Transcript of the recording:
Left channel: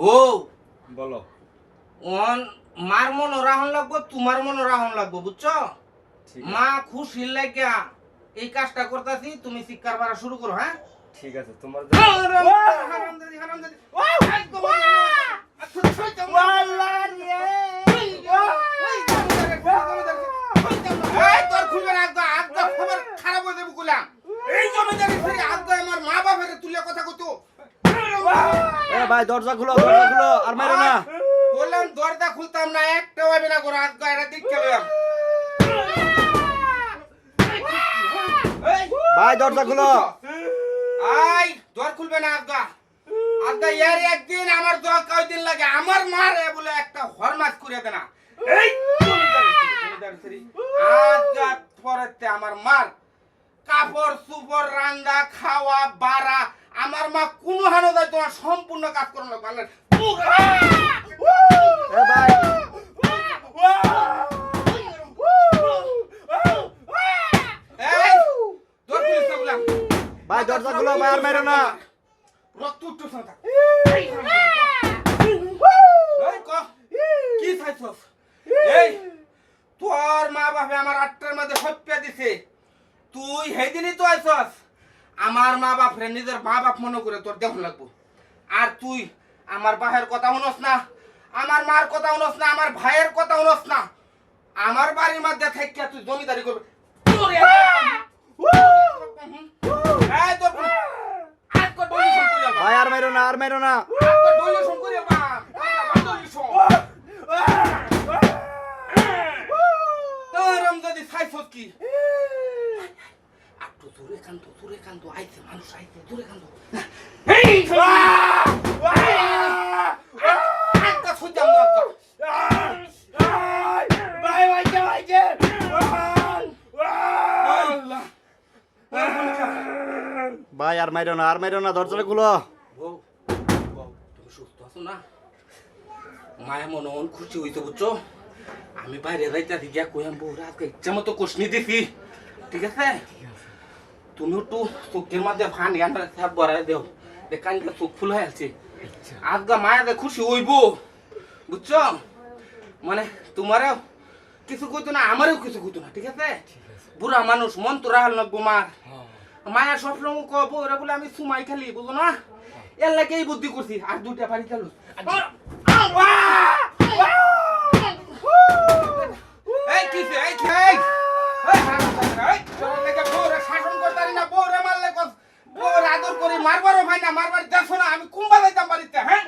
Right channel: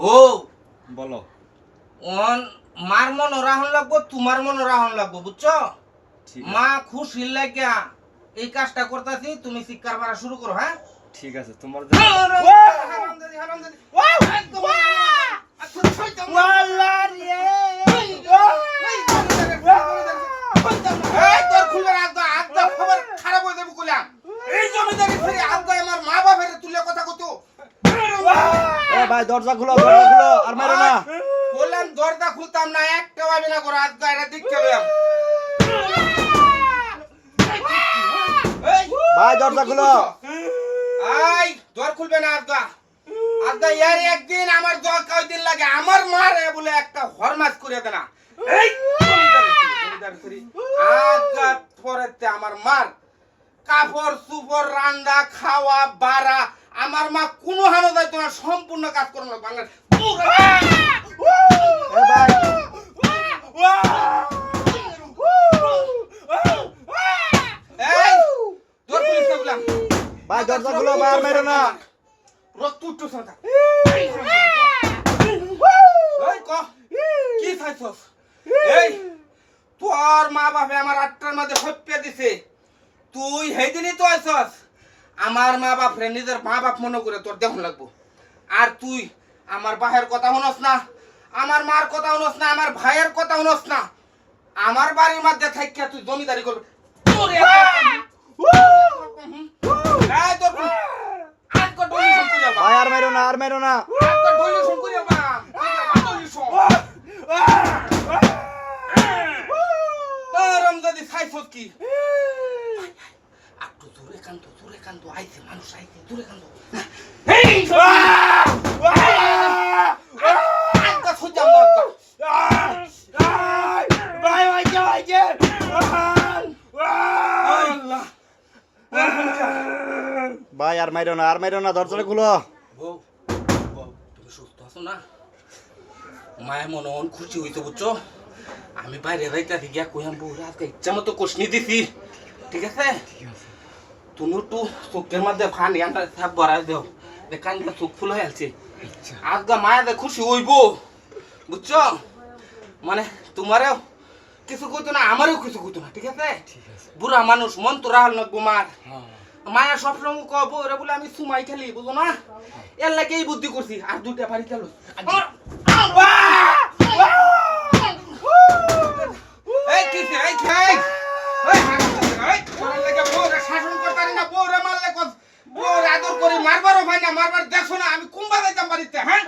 বউ বলো। মার মন রাহন লাগবো, তোমার মন রাহন লাগবো, বুঝছো? ঠিক মা খুশি লাগিয়া এই কাজটা করতেছি, তুমি শিক্ষার বাড়া শুরু করো। হ্যাঁ ঠিক আছে তোমার ভাই দরজা খুলো আর মারো না। বললাম দরজা খুলতাম না, একটা হবে না করে আজকে এটা দিক খেলাম। ভাই দরজা খুলো। আই দর খুলবে না আজকে। আজকে এর একদিন আমার দর কয়দিন লাগে, আমার মারে বলে একটা হরমাস করে দে না। এই আজকে পরেতে আমার মার কাপড় সুপর রান্না খাওয়া বাড়া আমার মা কোনো হানো যাইতো না, সম্পূর্ণ কাজ করো না বাংলা। ভাই দরজা খুলো, ভাই আর মারো না। রক্ত উঠতো সরকার। কি চাইছস? এই তোর মা বাপে আমার ৮টার মধ্যে হত্যা দিছে, তুই সেইদিনই তো আইছস। আমার মা বাপ রে নিজের মা বাপ মনে করে তোর দেখুন লাগবো। আর তুই আমার বাহের কথা শুনস না, আমার মার কথা শুনস না, আমার ভাইয়ের কথা শুনস না। আমার বাড়ির মধ্যে থাকিয়া তুই জমিদারি করবি। ভাই আর মারো না, আর মারো না। কি একটু দূরে কান্ত আইছে মানুষ, আইছে দূরে কান্ত। ভাই আর মারো না, আর মারো না, দরজাটা খুলো। বউ তুমি সুস্থ আছো না? মায়ের মনে মন খুশি হইতো, বুঝছো? আমি বাইরে যাইতে গিয়া কইলাম বউ আজকে ইচ্ছা মতো কষনি দিছি, ঠিক আছে? তুমি একটু চোখের মধ্যে ফান ইয়ানটা সাপ ভরাই দেও, দেখান চোখ ফুল হয়ে আছে। আজকে মায়ের খুশি হইব, বুঝছো? মানে তোমারও কিছু কইতো না, আমারও কিছু কইতো না, ঠিক আছে? বুড়া মানুষ মন তো রাহাল না গুমার। মায়ের সবসময় কব ওরা বলে আমি সুমাই খেলি, বুঝো না? এর লাগে এই বুদ্ধি করছি। আর দুইটা বাড়ি খেলো শাসন করতারি না, বউরে মারলে মারবারও হয় না, মারবার দেখো না আমি কুম্বা যাইতাম বাড়িতে। হ্যাঁ